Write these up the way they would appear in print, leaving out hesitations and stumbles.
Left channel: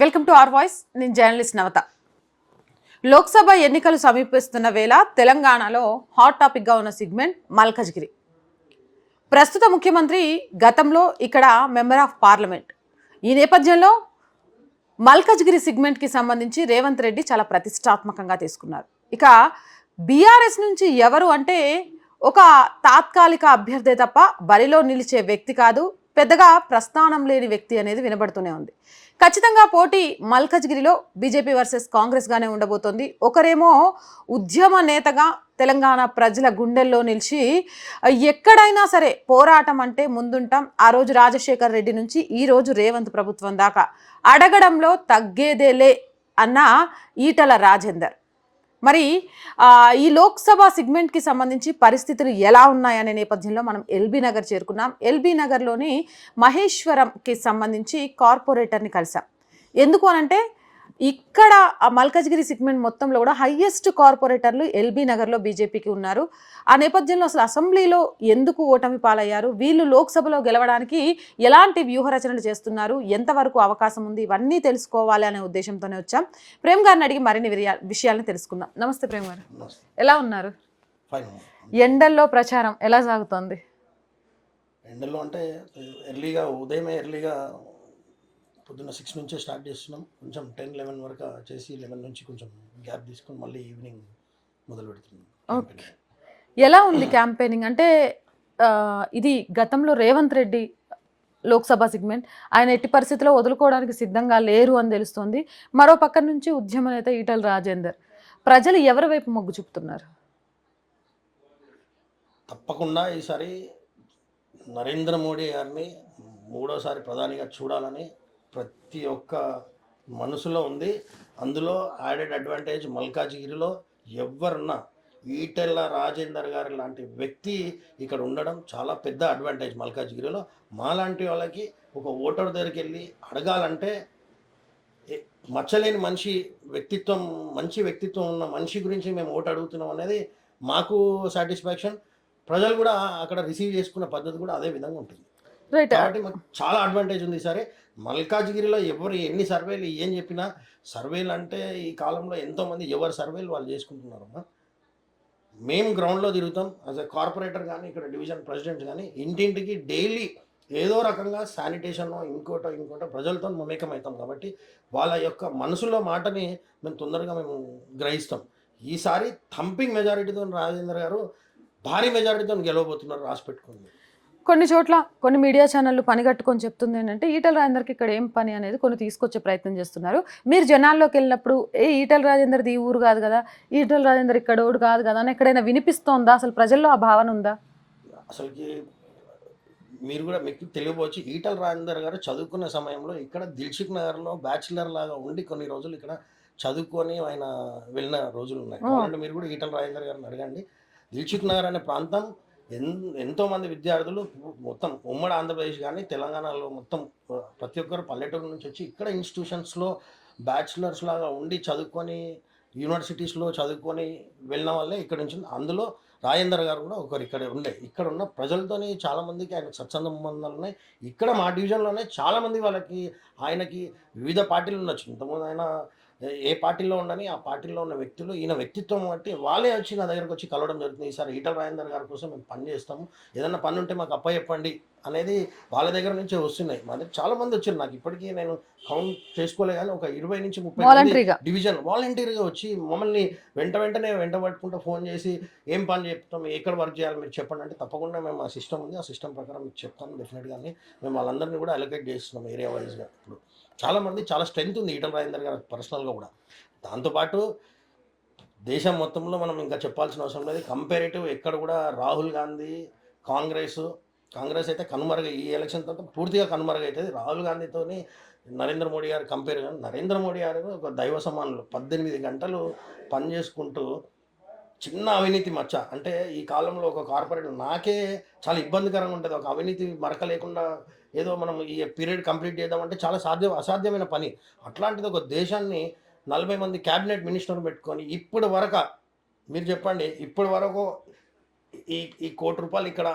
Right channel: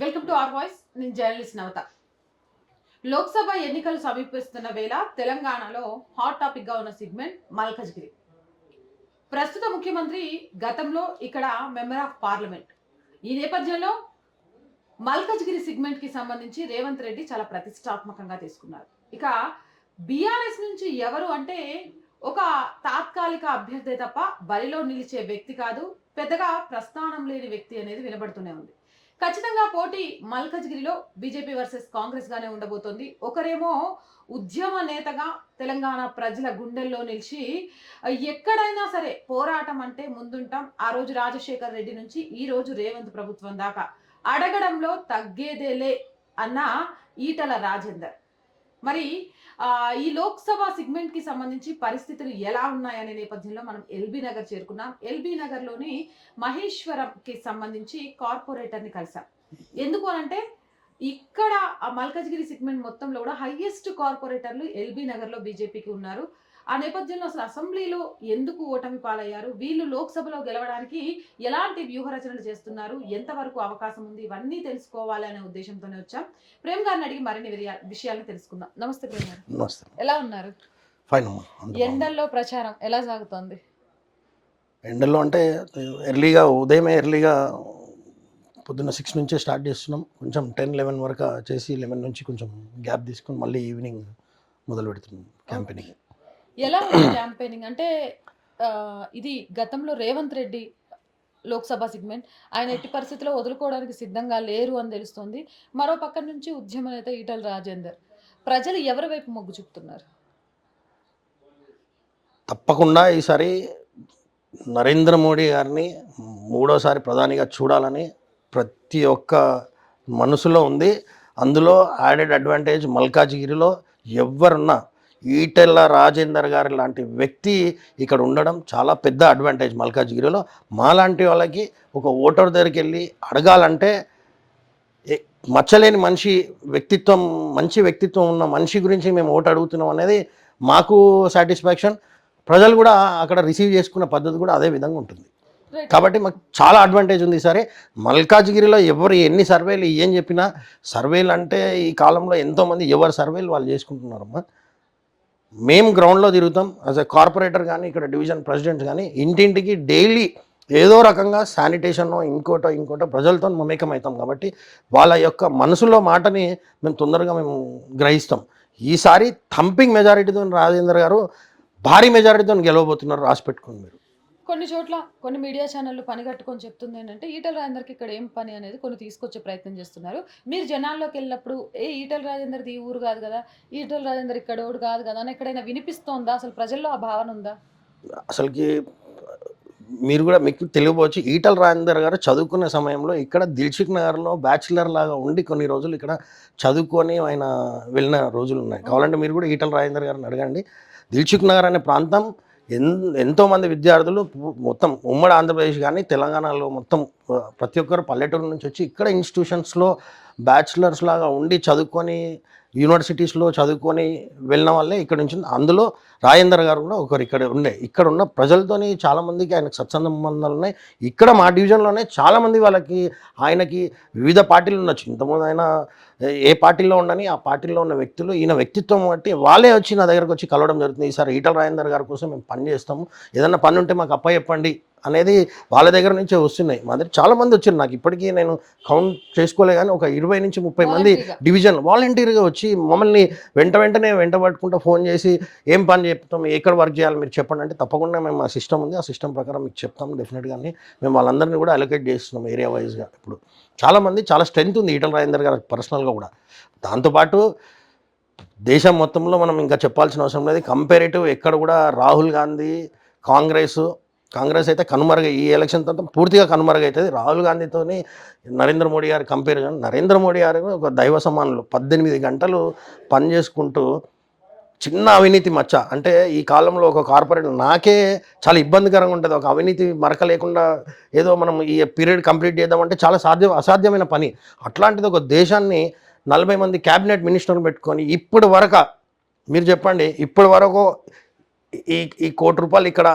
Welcome to our voice. నేను journalist నవత. లోక్సభ ఎన్నికలు సమీపిస్తున్న వేళ తెలంగాణలో హాట్ టాపిక్గా ఉన్న సెగ్మెంట్ మల్కజ్గిరి. ప్రస్తుత ముఖ్యమంత్రి గతంలో ఇక్కడ మెంబర్ ఆఫ్ పార్లమెంట్. ఈ నేపథ్యంలో మల్కజ్గిరి సెగ్మెంట్కి సంబంధించి రేవంత్ రెడ్డి చాలా ప్రతిష్టాత్మకంగా తీసుకున్నారు. ఇక బీఆర్ఎస్ నుంచి ఎవరు అంటే ఒక తాత్కాలిక అభ్యర్థి తప్ప బరిలో నిలిచే వ్యక్తి కాదు, పెద్దగా ప్రస్థానం లేని వ్యక్తి అనేది వినబడుతూనే ఉంది. ఖచ్చితంగా పోటీ మల్కజ్గిరిలో బీజేపీ వర్సెస్ కాంగ్రెస్గానే ఉండబోతోంది. ఒకరేమో ఉద్యమ నేతగా తెలంగాణ ప్రజల గుండెల్లో నిలిచి ఎక్కడైనా సరే పోరాటం అంటే ముందుంటాం, ఆ రోజు రాజశేఖర్ రెడ్డి నుంచి ఈ రోజు రేవంత్ ప్రభుత్వం దాకా అడగడంలో తగ్గేదేలే అన్న ఈటల రాజేందర్. మరి ఈ లోక్సభ సెగ్మెంట్కి సంబంధించి పరిస్థితులు ఎలా ఉన్నాయనే నేపథ్యంలో మనం ఎల్బీ నగర్ చేరుకున్నాం. ఎల్బీ నగర్లోని మహేశ్వరంకి సంబంధించి కార్పొరేటర్ని కలిసాం. ఎందుకు అనంటే ఇక్కడ ఆ మల్కజ్గిరి సెగ్మెంట్ మొత్తంలో కూడా హయ్యెస్ట్ కార్పొరేటర్లు ఎల్బీ నగర్లో బీజేపీకి ఉన్నారు. ఆ నేపథ్యంలో అసలు అసెంబ్లీలో ఎందుకు ఓటమి పాలయ్యారు, వీళ్ళు లోక్సభలో గెలవడానికి ఎలాంటి వ్యూహరచనలు చేస్తున్నారు, ఎంతవరకు అవకాశం ఉంది, ఇవన్నీ తెలుసుకోవాలి అనే ఉద్దేశంతోనే వచ్చాం. ప్రేమ్ గారిని అడిగి మరిన్ని విషయాలను తెలుసుకుందాం. నమస్తే ప్రేమ్ గారు, ఎలా ఉన్నారు? ఎండల్లో ప్రచారం ఎలా సాగుతోంది? ఎండల్లో అంటే ఉదయమే ఎర్లీగా పొద్దున్న 6 నుంచే స్టార్ట్ చేస్తున్నాం. కొంచెం 10-11 వరకు చేసి 11 నుంచి కొంచెం గ్యాప్ తీసుకుని మళ్ళీ ఈవినింగ్ మొదలు పెడుతున్నాం క్యాంపెయినింగ్. ఎలా ఉంది క్యాంపెయినింగ్? అంటే ఇది గతంలో రేవంత్ రెడ్డి లోక్సభ సెగ్మెంట్ ఆయన ఎట్టి పరిస్థితుల్లో వదులుకోవడానికి సిద్ధంగా లేరు అని తెలుస్తోంది. మరో పక్క నుంచి ఉద్యమ నేత ఈటల రాజేందర్. ప్రజలు ఎవరి వైపు మొగ్గు చూపుతున్నారు? తప్పకుండా ఈసారి నరేంద్ర మోడీ గారిని మూడోసారి ప్రధానిగా చూడాలని ప్రతి ఒక్క మనసులో ఉంది. అందులో యాడెడ్ అడ్వాంటేజ్ మల్కాజ్గిరిలో ఎవరున్నా ఈటెల రాజేందర్ గారి లాంటి వ్యక్తి ఇక్కడ ఉండడం చాలా పెద్ద అడ్వాంటేజ్ మల్కాజ్గిరిలో. మాలాంటి వాళ్ళకి ఒక ఓటర్ దగ్గరికి వెళ్ళి అడగాలంటే మచ్చలేని మనిషి వ్యక్తిత్వం, మంచి వ్యక్తిత్వం ఉన్న మనిషి గురించి మేము ఓటు అడుగుతున్నాం అనేది మాకు సాటిస్ఫాక్షన్. ప్రజలు కూడా అక్కడ రిసీవ్ చేసుకున్న పద్ధతి కూడా అదే విధంగా ఉంటుంది. కాబట్టి మాకు చాలా అడ్వాంటేజ్ ఉంది. సరే మల్కాజ్గిరిలో ఎవరు ఎన్ని సర్వేలు ఏం చెప్పినా, సర్వేలు అంటే ఈ కాలంలో ఎంతోమంది ఎవరు సర్వేలు వాళ్ళు చేసుకుంటున్నారమ్మా. మేము గ్రౌండ్లో తిరుగుతాం యాజ్ ఎ కార్పొరేటర్ కానీ ఇక్కడ డివిజన్ ప్రెసిడెంట్ కానీ ఇంటింటికి డైలీ ఏదో రకంగా శానిటేషన్ ఇంకోటో ప్రజలతో మమేకం అవుతాం. కాబట్టి వాళ్ళ యొక్క మనసులో మాటని మేము తొందరగా గ్రహిస్తాం. ఈసారి థంపింగ్ మెజారిటీతో రాజేందర్ గారు భారీ మెజారిటీతో గెలవబోతున్నారు, రాసి పెట్టుకోండి మీరు. కొన్ని చోట్ల కొన్ని మీడియా ఛానళ్ళు పని కట్టుకొని చెప్తుంది ఏంటంటే ఈటల రాజేందర్కి ఇక్కడ ఏం పని అనేది కొన్ని తీసుకొచ్చే ప్రయత్నం చేస్తున్నారు. మీరు జనాల్లోకి వెళ్ళినప్పుడు ఈటల రాజేందర్ది ఈ ఊరు కాదు కదా, ఈటల రాజేందర్ ఇక్కడ ఓడు కాదు కదా అని ఎక్కడైనా వినిపిస్తోందా? అసలు ప్రజల్లో ఆ భావన ఉందా? అసలుకి మీరు కూడా మీకు తెలియవచ్చు, ఈటల రాజేందర్ గారు చదువుకునే సమయంలో ఇక్కడ దిల్సుఖ్ నగర్లో బ్యాచిలర్ లాగా ఉండి కొన్ని రోజులు ఇక్కడ చదువుకొని ఆయన వెళ్ళిన రోజులు ఉన్నాయి. కావాలంటే మీరు కూడా ఈటల రాజేందర్ గారిని అడగండి. దిల్సుఖ్ నగర్ అనే ప్రాంతం ఎంతోమంది విద్యార్థులు మొత్తం ఉమ్మడి ఆంధ్రప్రదేశ్ కానీ తెలంగాణలో మొత్తం ప్రతి ఒక్కరు పల్లెటూరు నుంచి వచ్చి ఇక్కడ ఇన్స్టిట్యూషన్స్లో బ్యాచిలర్స్ లాగా ఉండి చదువుకొని యూనివర్సిటీస్లో చదువుకొని వెళ్ళిన వాళ్ళే ఇక్కడ నుంచి. అందులో రాజేందర్ గారు కూడా ఒకరు ఇక్కడ ఉన్న ప్రజలతోని చాలామందికి ఆయనకు సత్సంబంధాలు ఉన్నాయి. ఇక్కడ మా డివిజన్లోనే చాలామంది ఆయనకి వివిధ పార్టీలు ఉండొచ్చు. ఇంతకుముందు ఆయన ఏ పార్టీలో ఉండని ఆ పార్టీలో ఉన్న వ్యక్తులు ఈయన వ్యక్తిత్వం బట్టి వాళ్ళే వచ్చి నా దగ్గరకు వచ్చి కలవడం జరుగుతుంది. ఈసారి ఈటల రాజేందర్ గారి కోసం మేము పని చేస్తాము, ఏదన్నా పని ఉంటే మాకు చెప్పండి అనేది వాళ్ళ దగ్గర నుంచే వస్తున్నాయి. మా దగ్గర చాలామంది వచ్చారు. నాకు ఇప్పటికీ నేను కౌంట్ చేసుకోలే కానీ ఒక 20 నుంచి 30 మంది డివిజన్ వాలంటీర్గా వచ్చి మమ్మల్ని వెంటనే వెంటబట్టుకుంటూ ఫోన్ చేసి ఏం పని చెప్తాం, ఎక్కడ వర్క్ చేయాలి మీరు చెప్పండి అంటే తప్పకుండా మేము ఆ సిస్టమ్ ఉంది, ఆ సిస్టమ్ ప్రకారం మీకు చెప్తాము డెఫినెట్గానే. మేము వాళ్ళందరినీ కూడా అలొకేట్ చేస్తున్నాం ఏరియా వైజ్గా. ఇప్పుడు చాలామంది చాలా స్ట్రెంత్ ఉంది ఈటల రాజేందర్ గారు పర్సనల్గా కూడా. దాంతోపాటు దేశం మొత్తంలో మనం ఇంకా చెప్పాల్సిన అవసరం లేదు. కంపారేటివ్ ఎక్కడ కూడా రాహుల్ గాంధీ కాంగ్రెస్ అయితే ఈ ఎలక్షన్ తర్వాత పూర్తిగా కనుమరుగవుతుంది. రాహుల్ గాంధీతోని నరేంద్ర మోడీ గారు కంపేర్ కానీ నరేంద్ర మోడీ గారు ఒక దైవ సమానులు 18 గంటలు పని చేసుకుంటూ చిన్న అవినీతి మచ్చ అంటే ఈ కాలంలో ఒక కార్పొరేటర్ నాకే చాలా ఇబ్బందికరంగా ఉంటుంది. ఒక అవినీతి మరక లేకుండా ఏదో మనం ఈ పీరియడ్ కంప్లీట్ చేద్దామంటే చాలా అసాధ్యమైన పని. అట్లాంటిది ఒక దేశాన్ని 40 మంది క్యాబినెట్ మినిస్టర్లు పెట్టుకొని ఇప్పటి వరకు మీరు చెప్పండి, ఇప్పటి వరకు ఈ ₹1 కోటి ఇక్కడ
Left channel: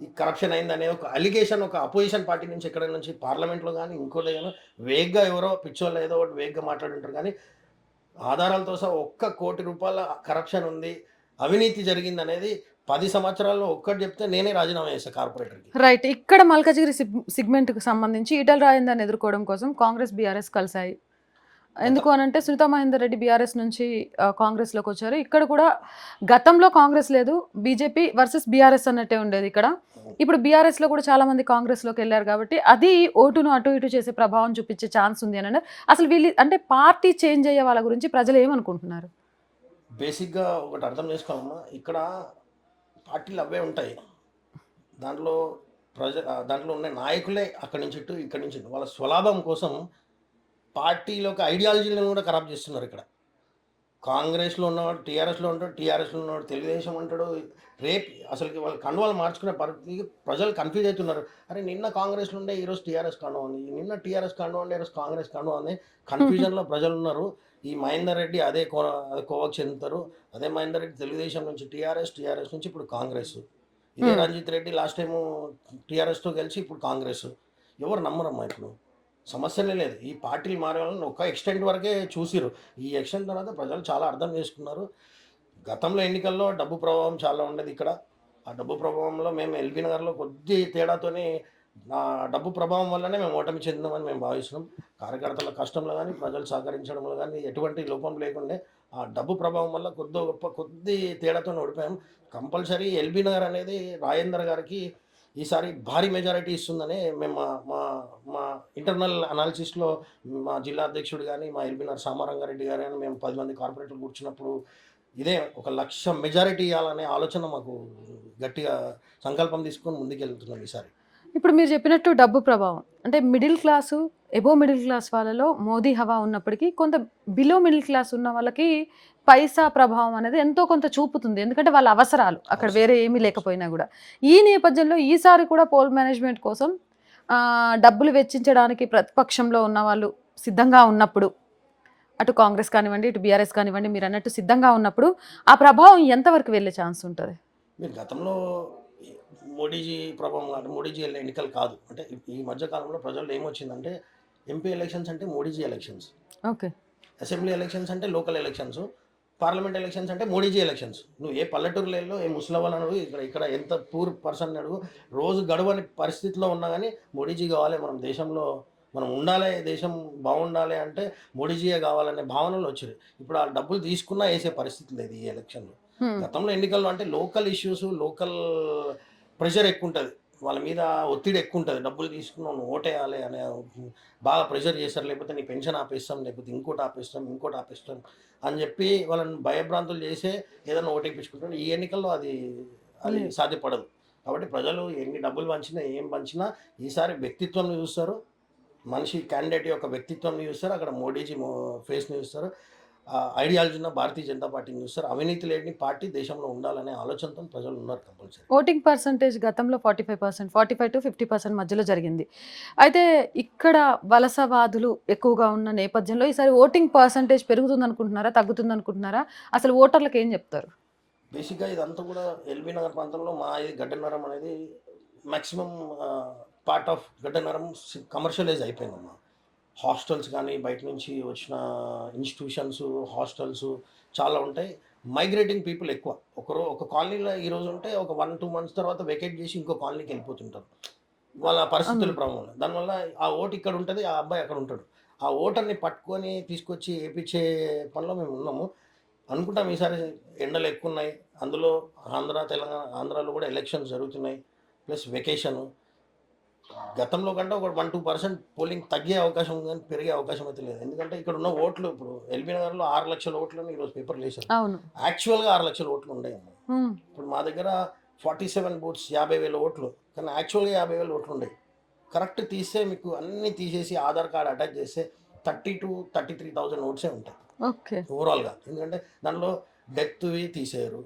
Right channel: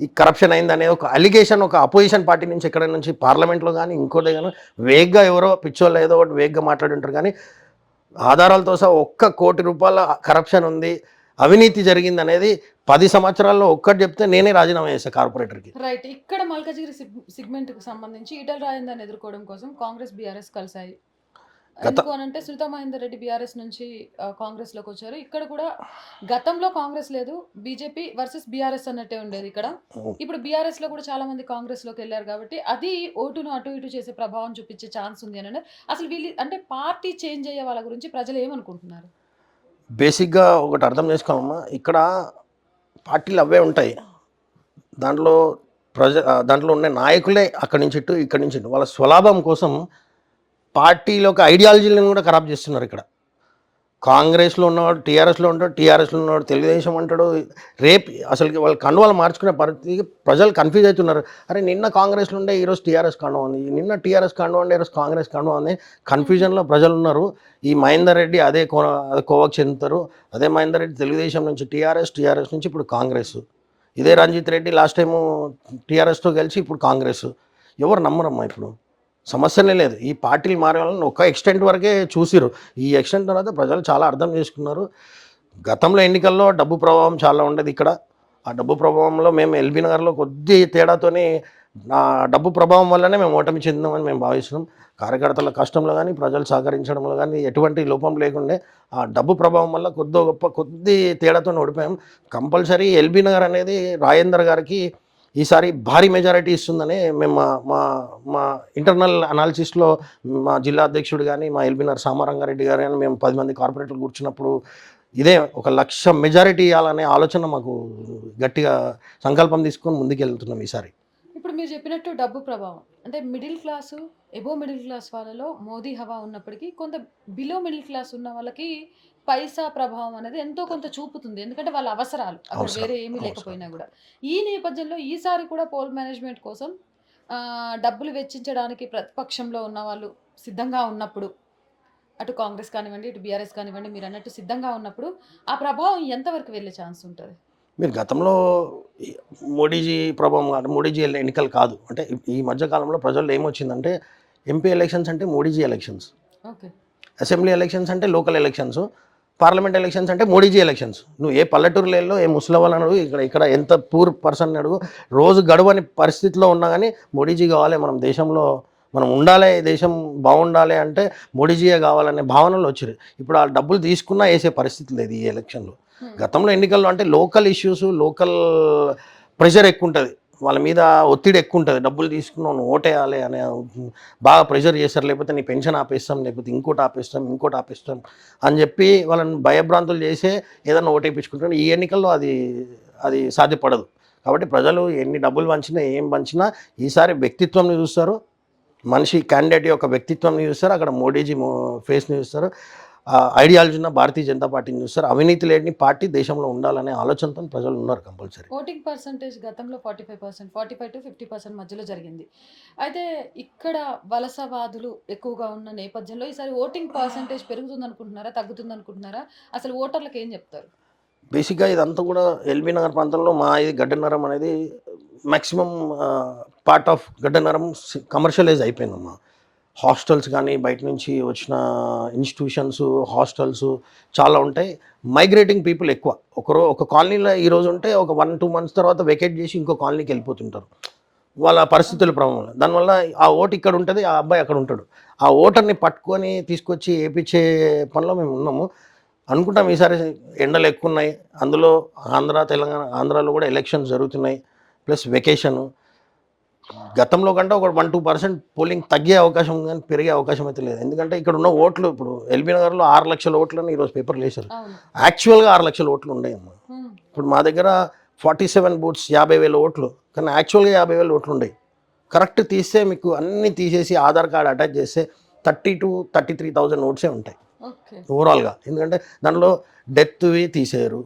ఈ కరప్షన్ అయిందనే ఒక అలిగేషన్ ఒక అపోజిషన్ పార్టీ నుంచి ఎక్కడ నుంచి పార్లమెంట్లో కానీ ఇంకోటి కానీ వేగ్గా ఎవరో పిచ్చోళ్ళు ఏదో ఒకటి వేగ్గా మాట్లాడుంటారు కానీ ఆధారాలతో సహా ₹1,00,00,000 కరప్షన్ ఉంది, అవినీతి జరిగింది అనేది 10 సంవత్సరాల్లో ఒక్కటి చెప్తే నేనే రాజీనామా చేశాను కార్పొరేటర్కి. రైట్. ఇక్కడ మల్కజిగిరి సెగ్మెంట్కి సంబంధించి ఈటల రాజేందర్ని ఎదుర్కోవడం కోసం కాంగ్రెస్ బీఆర్ఎస్ కలిసాయి. ఎందుకు అనంటే సునీతా మహేందర్ రెడ్డి బీఆర్ఎస్ నుంచి కాంగ్రెస్లోకి వచ్చారు. ఇక్కడ కూడా గతంలో కాంగ్రెస్ లేదు, బీజేపీ వర్సెస్ బీఆర్ఎస్ అన్నట్టే ఉండేది ఇక్కడ. ఇప్పుడు బీఆర్ఎస్లో కూడా చాలా మంది కాంగ్రెస్లోకి వెళ్ళారు కాబట్టి అది ఓటును అటు ఇటు చేసే ప్రభావం చూపించే ఛాన్స్ ఉంది అని అసలు వీళ్ళు అంటే పార్టీ చేంజ్ అయ్యే వాళ్ళ గురించి ప్రజలు ఏమనుకుంటున్నారు? బేసిక్గా ఒకటి అర్థం చేసుకోమమ్మా, ఇక్కడ పార్టీలు అవే ఉంటాయి, దాంట్లో దాంట్లో ఉండే నాయకులే అక్కడి నుంచి ఇటు ఇక్కడి నుంచి ఇటు వాళ్ళ స్వలాభం కోసం పార్టీలో ఒక ఐడియాలజీలను కూడా ఖరాబ్ చేస్తున్నారు. ఇక్కడ కాంగ్రెస్లో ఉన్నవాడు టీఆర్ఎస్లో ఉంటాడు, టీఆర్ఎస్లో ఉన్నవాడు తెలుగుదేశం అంటాడు. రేపు అసలుకి వాళ్ళు కండువాలు మార్చుకునే పరిస్థితికి ప్రజలు కన్ఫ్యూజ్ అవుతున్నారు. అరే నిన్న కాంగ్రెస్లో ఉండే ఈరోజు టీఆర్ఎస్ కండువా ఉంది, నిన్న టీఆర్ఎస్ కండువా ఉండే ఈరోజు కాంగ్రెస్ కండువా ఉంది. కన్ఫ్యూజన్లో ప్రజలు ఉన్నారు. ఈ మహేందర్ రెడ్డి అదే కోవకు చెందుతారు. అదే మహేందర్ రెడ్డి తెలుగుదేశం నుంచి టీఆర్ఎస్ నుంచి ఇప్పుడు కాంగ్రెస్. ఇదే రంజిత్ రెడ్డి లాస్ట్ టైము టీఆర్ఎస్తో గెలిచి ఇప్పుడు కాంగ్రెస్. ఎవరు నమ్మరమ్మా ఇప్పుడు? సమస్యనే లేదు. ఈ పార్టీలు మారే వాళ్ళని ఒక ఎక్స్టెంట్ వరకే చూసిరు. ఈ ఎక్స్టెంట్ తర్వాత ప్రజలు చాలా అర్థం చేసుకున్నారు. గతంలో ఎన్నికల్లో డబ్బు ప్రభావం చాలా ఉండేది ఇక్కడ. ఆ డబ్బు ప్రభావంలో మేము ఎల్బీ నగర్లో కొద్ది తేడాతోనే ఆ డబ్బు ప్రభావం వల్లనే మేము ఓటమి చెందామని మేము భావిస్తున్నాం. కార్యకర్తల కష్టంలో కానీ ప్రజలు సహకరించడంలో కానీ ఎటువంటి లోపం లేకుండే ఆ డబ్బు ప్రభావం వల్ల కొద్ది తేడాతో ఓడిపోయాం. కంపల్సరీ ఎల్బీ నగర్ అనేది రాజేందర్ గారికి ఈసారి భారీ మెజారిటీ ఇస్తుందని మేము మా ఇంటర్నల్ అనాలిసిస్లో మా జిల్లా అధ్యక్షుడు కానీ మా ఎల్బీ నగర్ సామారంగారెడ్డి గారు కానీ మేము 10 మంది కార్పొరేటర్లు కూర్చున్నప్పుడు ఇదే 1,00,000 మెజారిటీ ఇవ్వాలనే ఆలోచన మాకు గట్టిగా సంకల్పం తీసుకొని ముందుకెళ్తున్నాం ఈసారి. ఇప్పుడు మీరు చెప్పినట్టు డబ్బు ప్రభావం అంటే middle class above middle class వాళ్ళలో మోదీ హవా ఉన్నప్పటికీ కొంత బిలో మిడిల్ క్లాస్ ఉన్న వాళ్ళకి పైసా ప్రభావం అనేది ఎంతో కొంత చూపుతుంది. ఎందుకంటే వాళ్ళ అవసరాలు అక్కడ వేరే ఏమీ లేకపోయినా కూడా. ఈ నేపథ్యంలో ఈసారి కూడా పోల్ మేనేజ్మెంట్ కోసం డబ్బులు వెచ్చించడానికి ప్రతిపక్షంలో ఉన్న వాళ్ళు సిద్ధంగా ఉన్నప్పుడు, అటు కాంగ్రెస్ కానివ్వండి ఇటు బీఆర్ఎస్ కానివ్వండి, మీరు అన్నట్టు సిద్ధంగా ఉన్నప్పుడు ఆ ప్రభావం ఎంతవరకు వెళ్ళే ఛాన్స్ ఉంటుంది? మీరు గతంలో మోడీజీ ప్రభావం కాదు, మోడీజీ ఎన్నికలు కాదు. అంటే ఈ మధ్యకాలంలో ప్రజల్లో ఏమొచ్చిందంటే ఎంపీ ఎలక్షన్స్ అంటే Modiji elections, okay, assembly elections అంటే లోకల్ ఎలక్షన్స్, పార్లమెంట్ ఎలక్షన్స్ అంటే మోడీజీ ఎలక్షన్స్. నువ్వు ఏ పల్లెటూరులో ఏ ముసలవాళ్ళని అడుగు, ఇక్కడ ఎంత పూర్ పర్సన్ అడుగు, రోజు గడవని పరిస్థితిలో ఉన్నా కానీ మోడీజీ కావాలి, మనం దేశంలో మనం ఉండాలి, దేశం బాగుండాలి అంటే మోడీజీయే కావాలనే భావనలు వచ్చారు. ఇప్పుడు ఆ డబ్బులు తీసుకున్నా వేసే పరిస్థితి లేదు ఈ ఎలక్షన్లో. గతంలో ఎన్నికల్లో అంటే లోకల్ ఇష్యూస్, లోకల్ ప్రెషర్ ఎక్కువ ఉంటుంది, వాళ్ళ మీద ఒత్తిడి ఎక్కువ ఉంటుంది. డబ్బులు తీసుకున్నావు నువ్వు ఓటేయాలి అనే బాగా ప్రెషర్ చేస్తారు. లేకపోతే నీ పెన్షన్ ఆపేస్తాం, లేకపోతే ఇంకోటి ఆపేస్తాం అని చెప్పి వాళ్ళని భయభ్రాంతులు చేసే ఏదైనా ఓటేపించుకుంటారు. ఈ ఎన్నికల్లో అది సాధ్యపడదు. కాబట్టి ప్రజలు ఎన్ని డబ్బులు పంచినా ఏం పంచినా ఈసారి వ్యక్తిత్వంని చూస్తారు, మనిషి క్యాండిడేట్ యొక్క వ్యక్తిత్వంని చూస్తారు, అక్కడ మోడీజీ ఫేస్ని చూస్తారు, ఐడియాలజీ ఉన్న భారతీయ జనతా పార్టీని చూస్తారు. అవినీతి లేని పార్టీ దేశంలో ఉండాలనే ఆలోచనతో ప్రజలు ఉన్నారు కంపల్సరీ. ఓటింగ్ పర్సంటేజ్ గతంలో 45%, 45 to 50% మధ్యలో జరిగింది. అయితే ఇక్కడ వలసవాదులు ఎక్కువగా ఉన్న నేపథ్యంలో ఈసారి ఓటింగ్ పర్సంటేజ్ పెరుగుతుంది అనుకుంటున్నారా, తగ్గుతుంది అనుకుంటున్నారా? అసలు ఓటర్లకు ఏం చెప్తారు? బేసిక్గా ఇదంతా కూడా ఎల్బీ నగర్ ప్రాంతంలో మా ఇది గడ్డనగరం అనేది maximum part of Gaddanagaram commercialise అయిపోయిందమ్మా. హాస్టల్స్ కానీ బయట నుంచి వచ్చిన ఇన్స్టిట్యూషన్స్, హాస్టల్స్ చాలా ఉంటాయి. మైగ్రేటింగ్ పీపుల్ ఎక్కువ. ఒక కాలనీలో ఈరోజు ఉంటే ఒక 1-2 months తర్వాత వెకేట్ చేసి ఇంకో కాలనీకి వెళ్ళిపోతుంటారు వాళ్ళ పరిస్థితుల ప్రభావం. దానివల్ల ఆ ఓటు ఇక్కడ ఉంటుంది, ఆ అబ్బాయి అక్కడ ఉంటాడు. ఆ ఓటర్ని పట్టుకొని తీసుకొచ్చి వేయించే పనిలో మేము ఉన్నాము. అనుకుంటాం ఈసారి ఎండలు ఎక్కువ ఉన్నాయి, అందులో తెలంగాణ ఆంధ్రాలో కూడా ఎలక్షన్స్ జరుగుతున్నాయి, ప్లస్ వెకేషను. గతంలో కంటే ఒక 1-2% పోలింగ్ తగ్గే అవకాశం ఉంది కానీ పెరిగే అవకాశం అయితే లేదు. ఎందుకంటే ఇక్కడ ఉన్న ఓట్లు ఇప్పుడు ఎల్బీ నగర్లో 6 లక్షల ఓట్లని ఈరోజు పేపర్లు వేశారు. యాక్చువల్గా 6 లక్షల ఓట్లు ఉండేయమ్మా. ఇప్పుడు మా దగ్గర 47 బూత్స్ 50,000 ఓట్లు, కానీ యాక్చువల్గా 50,000 ఓట్లు ఉండేవి. కరెక్ట్ తీస్తే మీకు అన్నీ తీసేసి ఆధార్ కార్డ్ అటాచ్ చేస్తే 30,000 to 33,000 ఓట్సే ఉంటాయి ఓవరాల్గా. ఎందుకంటే దాంట్లో డెత్వి తీసేయరు,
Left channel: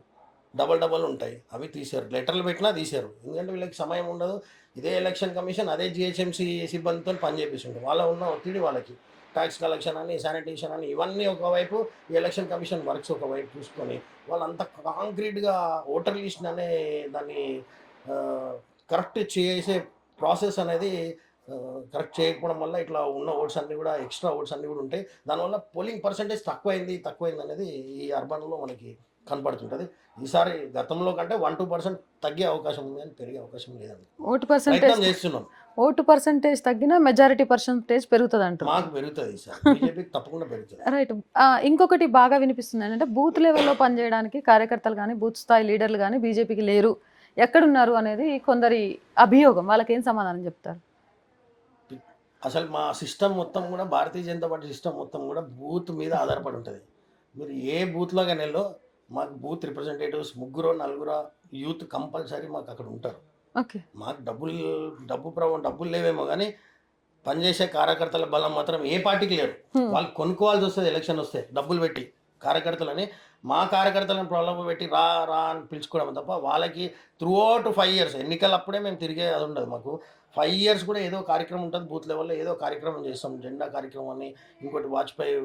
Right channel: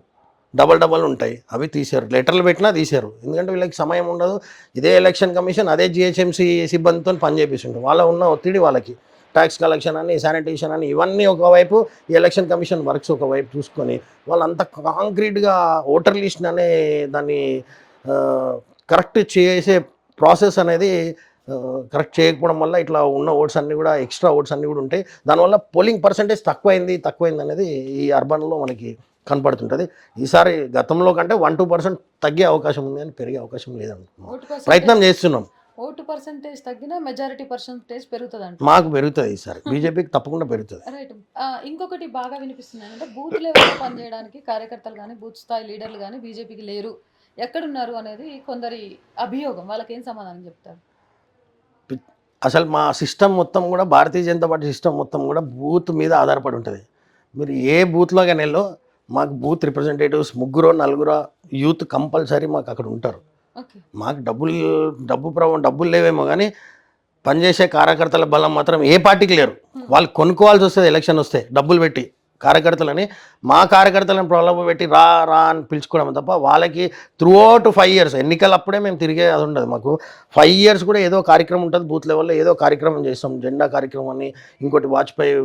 డబల్ ఉంటాయి, అవి తీశారు. లెటర్లు పెట్టినా తీశారు, ఎందుకంటే వీళ్ళకి సమయం ఉండదు. ఇదే ఎలక్షన్ కమిషన్ అదే జిహెచ్ఎంసీ సిబ్బందితో పని చేపిస్తుంటారు. వాళ్ళ ఉన్న ఒత్తిడి వాళ్ళకి ట్యాక్స్ కలెక్షన్ అని, శానిటేషన్ అని, ఇవన్నీ ఒకవైపు, ఈ ఎలక్షన్ కమిషన్ వర్క్స్ ఒకవైపు చూసుకొని వాళ్ళంతా కాంక్రీట్గా ఓటర్ లిస్ట్ అనే దాన్ని కరెక్ట్ చేసే ప్రాసెస్ అనేది కరెక్ట్ చేయకపోవడం వల్ల ఇట్లా ఉన్న ఓట్స్ అన్నీ కూడా ఎక్స్ట్రా ఓట్స్ అన్నీ కూడా ఉంటాయి. దానివల్ల పోలింగ్ పర్సంటేజ్ తక్కువైంది అనేది ఈ అర్బన్లో మనకి కనపడుతుంటుంది. ఈసారి గతంలో కంటే 1-2% తగ్గే అవకాశం ఉంది, అని పెరిగే అవకాశం లేదనుకుంటున్నాం. ప్రయత్నం చేస్తున్నాం. ఓటు పర్సంటేజ్ తగ్గినా మెజారిటీ పర్సంటేజ్ పెరుగుతుంది అంట. మాకు పెరుగుతుంది ఈసారి, బీజేపీకి తప్పకుండా పెరుగుతుంది. రైట్. ఇంకొకటి బాగా వినిపిస్తుంది ఏంటంటే బూత్ లెవెల్లో పనిచేయడానికి కార్యకర్తలు కానీ బూత్ స్థాయి లీడర్లు కానీ బీజేపీకి లేరు, ఎక్కడున్నారు అనేది కొందరి అభియోగం. వాళ్ళకి ఏం సమాధానం చెప్తారు? అసలు మా సిస్టమ్ మొత్తం కూడా భారతీయ జనతా పార్టీ సిస్టమ్ మొత్తం కూడా బూత్ మీద ఆధారపడి ఉంటుంది. మీరు ఏ బూత్లో కానీ వెళ్ళో మాకు బూత్ రిప్రజెంటేటివ్స్ 3-4 యూత్ కంపల్సరీ మాకు అక్కడ ఉంటారు. ఓకే. మాకు డబ్బులు లేవేమో కానీ పనిచేసే కార్యకర్తల బలం మాత్రం ఏ పార్టీకి లేరు. వాళ్ళు కొనుక్కోవాల్సి వస్తుంది ఎలక్షన్ వస్తే డబ్బులు పెట్టి కార్యకర్తలని. మా కార్యకర్తలను ప్రలోభ పెట్టి రా అని పిలుచుకోవడం తప్ప వాళ్ళకి త్రూఅవుట్ 5 years ఎన్నికలప్పుడే మేము తిరిగే అది ఉండదు. మాకు 5 years కూడా ఏదో కార్యక్రమం ఉంటుంది, బూత్ లెవెల్లో ఏదో కార్యక్రమం చేస్తాం. జెండా కార్యక్రమం అని, ఇంకోటి వాజ్పేయి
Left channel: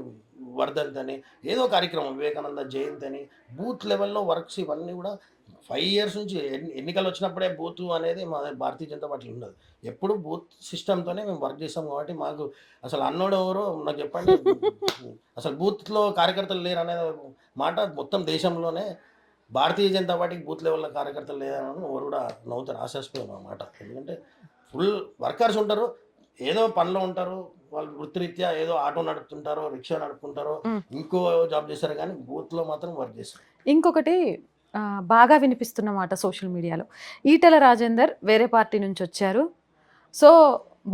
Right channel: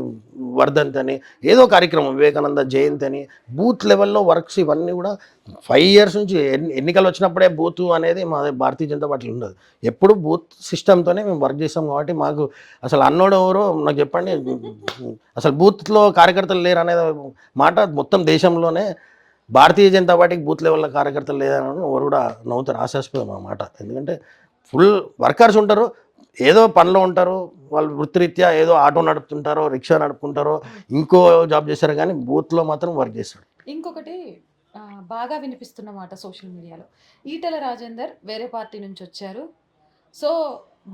వర్ధంతి అని, ఏదో కార్యక్రమం, వివేకానంద జయంతి అని, బూత్ లెవెల్లో వర్క్స్ ఇవన్నీ కూడా 5 years నుంచి ఎన్నికలు వచ్చినప్పుడే బూత్ అనేది మా భారతీయ జనతా పార్టీలో ఉండదు. ఎప్పుడు బూత్ సిస్టమ్తోనే మేము వర్క్ చేస్తాం. కాబట్టి మాకు అసలు అన్నోడు ఎవరో నాకు చెప్పండి. అసలు బూత్లో కార్యకర్తలు లేరు అనేది మాట మొత్తం దేశంలోనే భారతీయ జనతా పార్టీకి బూత్ లెవెల్లో కార్యకర్తలు లేదని ఎవరు కూడా నవ్వుతారు, ఆశాస్పదం అన్నమాట. ఎందుకంటే ఫుల్ వర్కర్స్ ఉంటారు, ఏదో పనిలో ఉంటారు, వాళ్ళు వృత్తిరీత్యా ఏదో ఆటో నడుపుతుంటారో, రిక్షా నడుపుకుంటారో, ఇంకో జాబ్ చేస్తారు, కానీ బూత్లో మాత్రం వర్క్ చేస్తారు. ఇంకొకటి బాగా వినిపిస్తున్న మాట సోషల్ మీడియాలో, ఈటెల రాజేందర్ వేరే పార్టీ నుంచి వచ్చారు. సో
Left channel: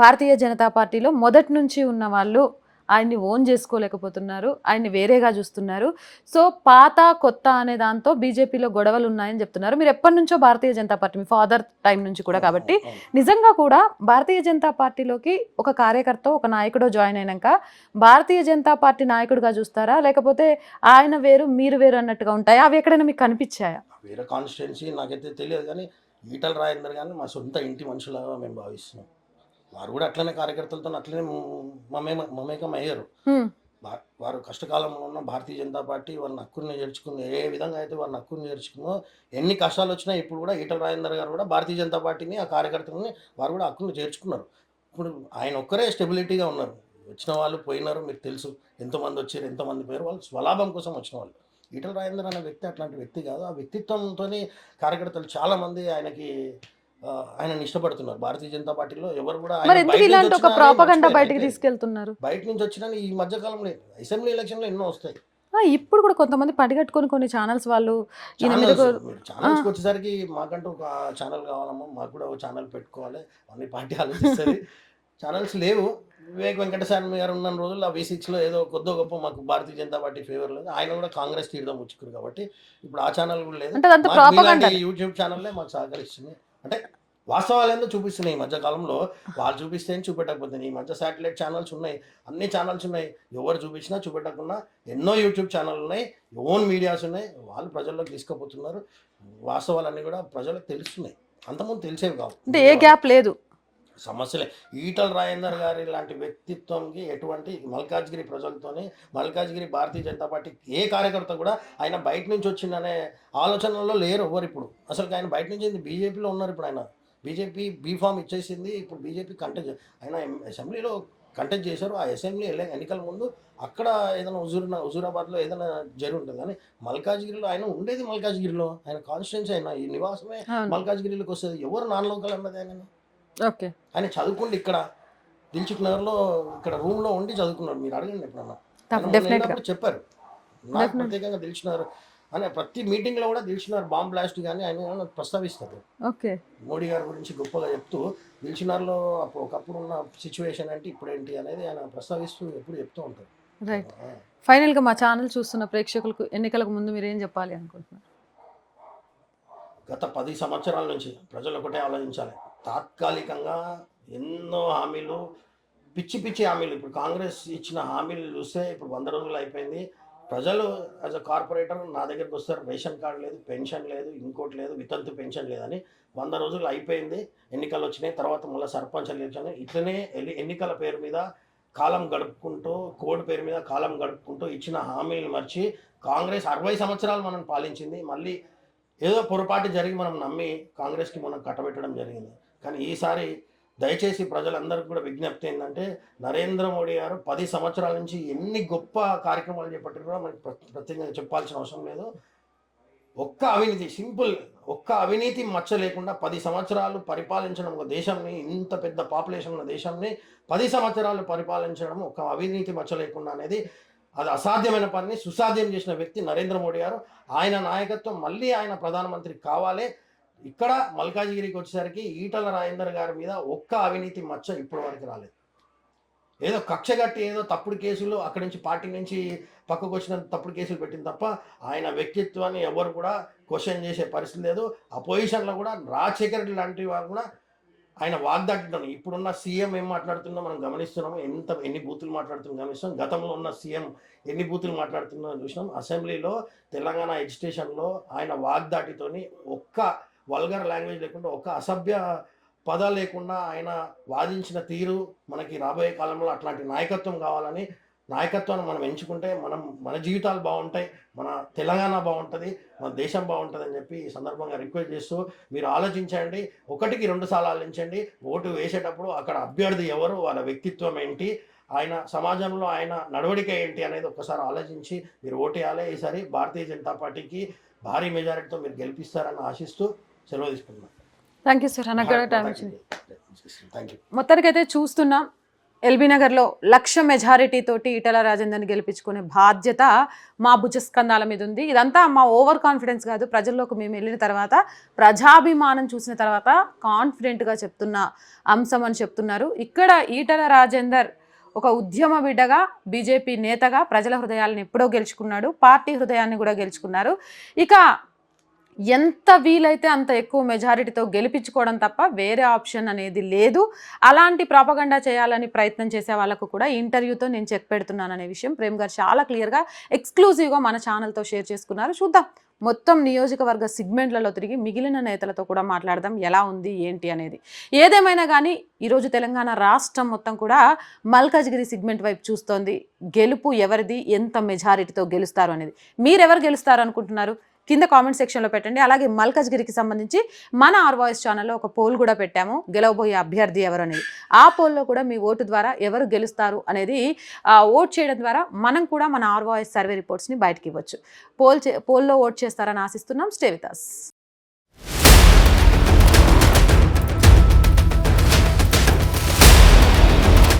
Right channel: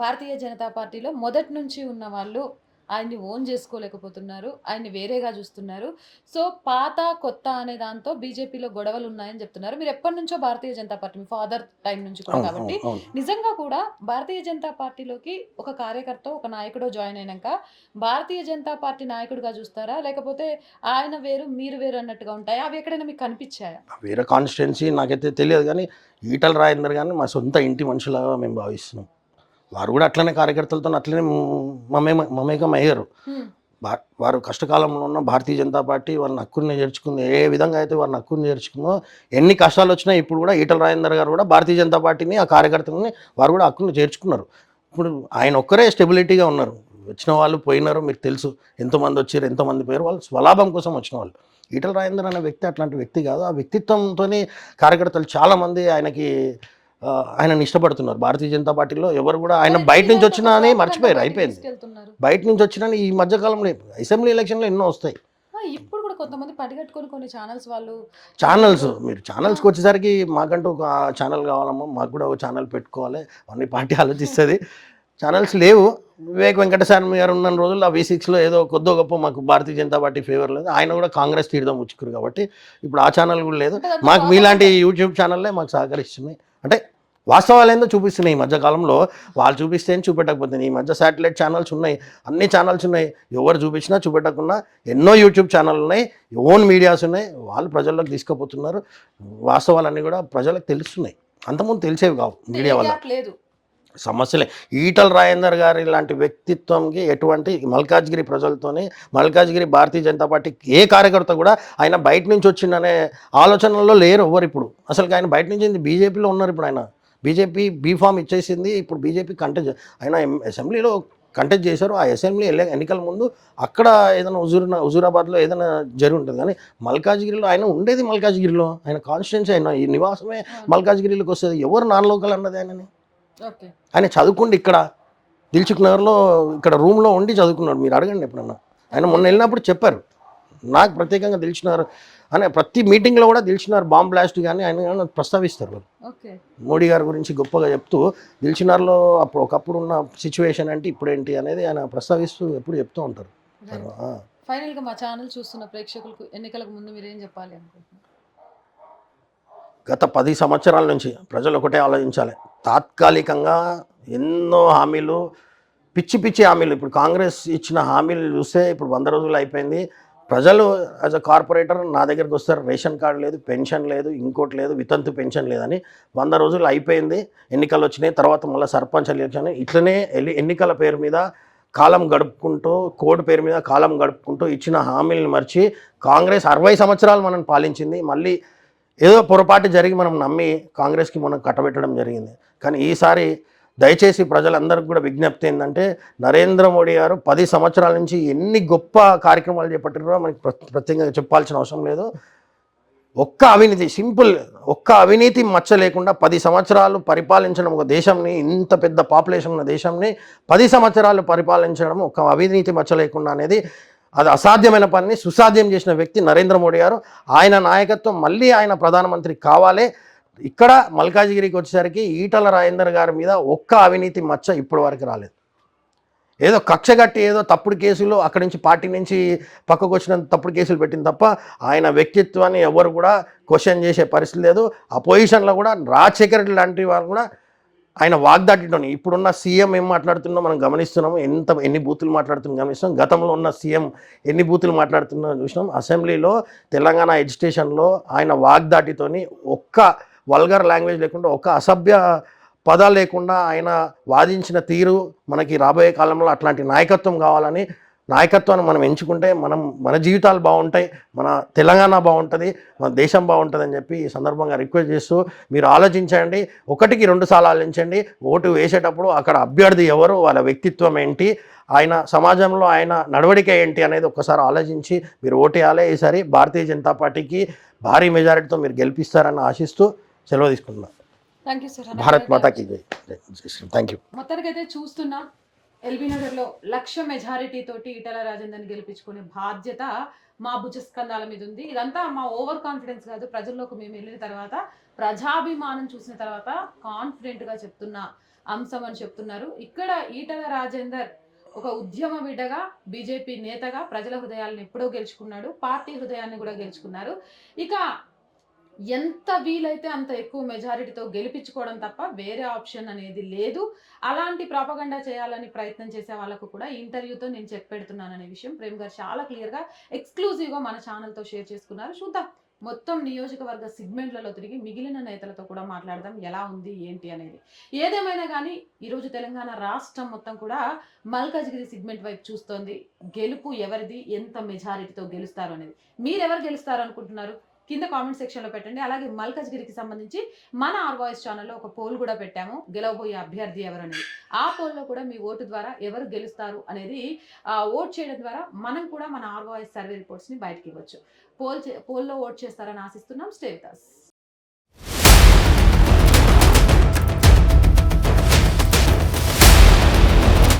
భారతీయ జనతా పార్టీలో మొదటి నుంచి ఉన్న వాళ్ళు ఆయన్ని ఓన్ చేసుకోలేకపోతున్నారు, ఆయన్ని వేరేగా చూస్తున్నారు. సో పాత కొత్త అనే దాంతో బీజేపీలో గొడవలు ఉన్నాయని చెప్తున్నారు. మీరు ఎప్పటి నుంచో భారతీయ జనతా పార్టీ, మీ ఫాదర్ టైం నుంచి కూడా, కాబట్టి నిజంగా కూడా భారతీయ జనతా పార్టీలోకి ఒక కార్యకర్త ఒక నాయకుడు జాయిన్ అయినాక భారతీయ జనతా పార్టీ నాయకుడిగా చూస్తారా, లేకపోతే ఆయన వేరు మీరు వేరు అన్నట్టుగా ఉంటాయా? అవి ఎక్కడైనా మీకు కనిపించాయా? వేరే కాన్స్టిట్యున్సీ నాకైతే తెలియదు, కానీ ఈటల రాజేందర్ కానీ మా సొంత ఇంటి మనుషులాగా మేము భావిస్తున్నాం. వారు కూడా అట్లనే కార్యకర్తలతో అట్లనే మమేకం అయ్యారు. వారు కష్టకాలంలో ఉన్న భారతీయ జనతా పార్టీ వాళ్ళని హక్కుని చేర్చుకుంది. ఏ విధంగా అయితే వారిని హక్కుని చేర్చుకుందో, ఎన్ని కష్టాలు వచ్చినా ఇప్పుడు కూడా ఈటల రాజేందర్ గారు కూడా భారతీయ జనతా పార్టీని, ఆ కార్యకర్తలని వారు కూడా హక్కుని చేర్చుకున్నారు. ఇప్పుడు ఆయన ఒక్కరే స్టెబిలిటీగా ఉన్నారు. వచ్చిన వాళ్ళు పోయినారు, మీకు తెలుసు ఎంతోమంది వచ్చారు, ఎంతోమంది పోయారు, వాళ్ళు స్వలాభం కోసం వచ్చిన వాళ్ళు. ఈటల రాజేందర్ అనే వ్యక్తి అట్లాంటి వ్యక్తి కాదు. ఆ వ్యక్తిత్వంతో కార్యకర్తలు చాలామంది ఆయనని ఇష్టపడుతున్నారు. భారతీయ జనతా పార్టీలో ఎవరు కూడా ఆయన బయట నుంచి వచ్చినా అని మర్చిపోయారు, అయిపోయింది. బయట నుంచి వచ్చినా ఈ మధ్యకాలంలో అసెంబ్లీ ఎలక్షన్లో ఎన్నో వస్తాయి. ఇప్పుడు కూడా కొంతమంది పడిగట్టుకొని కొన్ని ఛానల్స్ మీరు ఛానల్స్కి వచ్చేసరికి మాకంటూ ఒక ఛానల్ కావాలమ్మా, మాకు కూడా ఒక ఛానల్ పెట్టుకోవాలి అన్ని పార్టీ ఆలోచిస్తుంది. ఛానల్స్ లేవు. వివేక్ వెంకటస్వామి గారు ఉన్న రోజుల్లో ఆ V6లో ఏదో కొద్దో గొప్ప మాకు భారతీయ జనతా పార్టీ ఫేవర్ లేదు. ఆయన కూడా కాంగ్రెస్ తీర్థం ఉచ్చుకురు, కాబట్టి ఇప్పుడు ఆ ఛానల్ కూడా లేదు. మాకు మీలాంటి యూట్యూబ్ ఛానల్లే మాకు సహకరిస్తున్నాయి. అంటే వాస్తవాలు ఏందో చూపిస్తున్నాయి. ఈ మధ్యకాలంలో వాళ్ళు చూపిస్తే చూపెట్టకపోతే, ఈ మధ్య శాటిలైట్ ఛానల్స్ ఉన్నాయి, అన్ని ఛానల్స్ ఉన్నాయి. ఎవరు చూపించినా చూపెట్టకున్నా ఎన్నో యూట్యూబ్ ఛానల్ ఉన్నాయి, ఓన్ మీడియాస్ ఉన్నాయి. వాళ్ళు ప్రజల్లోకి తీసుకుపోతున్నారు. వాస్తవాలన్నీ కూడా ప్రజలకు తెలుస్తున్నాయి. అంతకుముందు తెలిసేవి కావు. ఏ గ్యాప్ లేదు, సమస్యలే. ఈటల రాజేందర్ గారి లాంటి వ్యక్తిత్వంకి ఎటువంటి మల్కాజ్గిరి ప్రజలతోనే, మల్కాజ్గిరి భారతీయ జనతా పార్టీ ఏ కార్యకర్త కూడా ఆయన బయట నుంచి వచ్చిందనే ఆలోచనలో లేరు ఎవరు. ఇప్పుడు అసలు ఆయన బయట నుంచి బీజేపీలో ఉన్నారు. ఇప్పుడు ఆయన బీజేపీ బీఫామ్ ఇచ్చేసింది. ఇప్పుడు బీజేపీ కంటెస్ట్, ఆయన అసెంబ్లీలో కంటెస్ట్ చేశారు. ఆ అసెంబ్లీ ఎన్నికల ముందు అక్కడ ఏదైనా హుజూరాబాద్లో ఏదైనా జరిగి ఉంటుంది, కానీ మల్కాజ్గిరిలో ఆయన ఉండేది మల్కాజ్గిరిలో, ఆయన కాన్స్టిట్యున్సీ, ఆయన ఈ నివాసమే మల్కాజ్గిరిలోకి వస్తుంది. ఎవరు నాన్ లోకల్ అన్నది ఆయనని. ఓకే. ఆయన చదువుకుండి ఇక్కడ దిల్సుఖ్ నగర్లో ఇక్కడ రూమ్లో ఉండి చదువుకున్నాడు. మీరు అడగండి ఎప్పుడన్నా. ఆయన మొన్న వెళ్ళినప్పుడు చెప్పారు, నాకు ప్రత్యేకంగా దిల్సుఖ్ నగర్ అని ప్రతి మీటింగ్లో కూడా దిల్సుఖ్ నగర్ బాంబ్ బ్లాస్ట్ కానీ ఆయన ప్రస్తావిస్తారు. ఓకే. మోడీ గారి గురించి గొప్పగా చెప్తూ దిల్సుఖ్ నగర్లో అప్పుడు ఒకప్పుడు ఉన్న సిచ్యువేషన్ ఏంటి ఇప్పుడేంటి అనేది ఆయన ప్రస్తావిస్తూ ఎప్పుడు చెప్తూ ఉంటారు. ఫైనల్గా మా ఛానల్ చూస్తున్న ప్రేక్షకులకు ఎన్నికలకు ముందు మీరు ఏం చెప్పాలి అనుకుంటున్నారు? గత 10 సంవత్సరాల నుంచి ప్రజలు ఒకటే ఆలోచించాలి. తాత్కాలికంగా ఎన్నో హామీలు, పిచ్చి హామీలు, ఇప్పుడు కాంగ్రెస్ ఇచ్చిన హామీలు చూస్తే ఇప్పుడు 100 రోజులు అయిపోయింది. ప్రజలు యాజ్ అ కార్పొరేటర్ నా దగ్గరికి వస్తారు, రేషన్ కార్డు లేదు, పెన్షన్ లేదు, ఇంకోటి లేదు, వితంతు పెన్షన్ లేదని. 100 రోజులు అయిపోయింది, ఎన్నికలు వచ్చినాయి, తర్వాత మళ్ళీ సర్పంచ్ ఎలక్షన్. ఇట్లనే ఎన్నికల పేరు మీద కాలం గడుపుకుంటూ, కోడ్ పేరు మీద కాలం గడుపుకుంటూ ఇచ్చిన హామీలను మర్చి కాంగ్రెస్ 60 సంవత్సరాలు మనం పాలించింది. మళ్ళీ ఏదో పొరపాటు జరిగి మనం నమ్మి కాంగ్రెస్కి మనం కట్టబెట్టడం జరిగింది. కానీ ఈసారి దయచేసి ప్రజలందరికీ కూడా విజ్ఞప్తి ఏంటంటే, నరేంద్ర మోడీ గారు 10 సంవత్సరాల నుంచి ఎన్ని గొప్ప కార్యక్రమాలు చేపట్టారో మనకి ప్రత్యేకంగా చెప్పాల్సిన అవసరం లేదు. ఒక్క అవినీతి మచ్చ లేకుండా 10 సంవత్సరాలు పరిపాలించడం, ఒక దేశంని, ఇంత పెద్ద పాపులేషన్ ఉన్న దేశంని 10 సంవత్సరాలు పరిపాలించడం ఒక అవినీతి మచ్చ లేకుండా అనేది అది అసాధ్యమైన పనిని సుసాధ్యం చేసిన వ్యక్తి నరేంద్ర మోడీ గారు. ఆయన నాయకత్వం మళ్ళీ ఆయన ప్రధానమంత్రి కావాలి. ఇక్కడ మల్కాజిగిరికి వచ్చేసరికి ఈటల రాజేందర్ గారి మీద ఒక్క అవినీతి మచ్చ ఇప్పటి వరకు రాలేదు. ఏదో కక్ష కట్టి ఏదో తప్పుడు కేసులు అక్కడి నుంచి పార్టీ నుంచి పక్కకు వచ్చిన తప్పుడు కేసులు పెట్టింది తప్ప ఆయన వ్యక్తిత్వాన్ని ఎవరు కూడా క్వశ్చన్ చేసే పరిస్థితి లేదు. ఆ పొజిషన్లో కూడా రాజశేఖర్ రెడ్డి లాంటి వాళ్ళు కూడా ఆయన వాగ్దాటితోని ఇప్పుడున్న సీఎం ఏం మాట్లాడుతున్నా మనం గమనిస్తున్నాము. ఎన్ని బూతులు మాట్లాడుతున్నా గమనిస్తున్నాం. గతంలో ఉన్న సీఎం ఎన్ని బూతులు మాట్లాడుతున్నా చూసినాం. అసెంబ్లీలో తెలంగాణ ఎడ్యుకేషన్లో ఆయన వాగ్దాటితోని ఒక్క వల్గర్ లాంగ్వేజ్ లేకుండా, ఒక్క అసభ్య పదాలు లేకుండా ఆయన వాదించిన తీరు మనకి రాబోయే కాలంలో అట్లాంటి నాయకత్వం కావాలని, నాయకత్వాన్ని మనం ఎంచుకుంటే మన జీవితాలు బాగుంటాయి, మన తెలంగాణ బాగుంటుంది, మన దేశం బాగుంటుంది అని చెప్పి ఈ సందర్భంగా రిక్వెస్ట్ చేస్తూ మీరు ఆలోచించండి. 1కి 2 సార్లు ఆలోచించండి. ఓటు వేసేటప్పుడు అక్కడ అభ్యర్థి ఎవరు, వాళ్ళ వ్యక్తిత్వం ఏంటి, ఆయన సమాజంలో ఆయన నడవడిక ఏంటి అనేది ఒక్కసారి ఆలోచించి మీరు ఓటేయాలి. ఈసారి భారతీయ జనతా పార్టీకి భారీ మెజారిటీతో మీరు గెలిపిస్తారని ఆశిస్తూ సెలవు తీసుకుంటున్నాను. Thank you sir. భారత్ మాతాకి జై. Thank you. మొత్తానికైతే చూస్తున్నాం, ఎల్బీ నగర్లో 1,00,000 మెజారిటీ తోటి ఈటల రాజేందర్ని గెలిపించుకునే బాధ్యత మా భుజస్కంధాల మీద ఉంది. ఇదంతా మా ఓవర్ కాన్ఫిడెన్స్ కాదు, ప్రజల్లోకి మేము వెళ్ళిన తర్వాత ప్రజాభిమానం చూసిన తర్వాత కాన్ఫిడెంట్గా చెప్తున్న అంశం అని చెప్తున్నారు. ఇక్కడ ఈటల రాజేందర్ ఒక ఉద్యమ బిడ్డగా, బీజేపీ నేతగా ప్రజల హృదయాలను ఎప్పుడో గెలుచుకున్నాడు, పార్టీ హృదయాన్ని కూడా గెలుచుకున్నారు. ఇక ఎంత వీలైతే అంత ఎక్కువ మెజారిటీతో గెలిపించుకోవడం తప్ప వేరే ఆప్షన్ అనేది లేదు. అలాంటి ప్రాపగండా చేయాలని ప్రయత్నం చేసే వాళ్ళకు కూడా ఇంటర్వ్యూతో నేను చెక్ పెడుతున్నాను అనే విషయం ప్రేమ్ గారు చాలా క్లియర్గా ఎక్స్క్లూజివ్గా మన ఛానల్తో షేర్ చేసుకున్నారు. చూద్దాం, మొత్తం నియోజకవర్గ సిగ్మెంట్లలో తిరిగి మిగిలిన నేతలతో కూడా మాట్లాడదాం ఎలా ఉంది ఏంటి అనేది. ఏదేమైనా కానీ ఈరోజు తెలంగాణ రాష్ట్రం మొత్తం కూడా మల్కాజ్గిరి సిగ్మెంట్ వైపు చూస్తోంది. గెలుపు ఎవరిది, ఎంత మెజారిటీతో గెలుస్తారు అనేది. మీరెవరు గెలుస్తారు అనుకుంటున్నారు కింద కామెంట్ సెక్షన్లో పెట్టండి. అలాగే మల్కాజ్గిరికి సంబంధించి మన ఆర్ వాయిస్ ఛానల్లో ఒక పోల్ కూడా పెట్టాము, గెలవబోయే అభ్యర్థి ఎవరు అనేది. ఆ పోల్లో కూడా మీ ఓటు ద్వారా ఎవరు గెలుస్తారు అనేది ఓట్ చేయడం ద్వారా మనం కూడా మన ఆర్ వాయిస్ సర్వే రిపోర్ట్స్ని బయటకి ఇవ్వచ్చు. పోల్లో ఓట్ చేస్తారని ఆశిస్తున్నాం. Stay with us.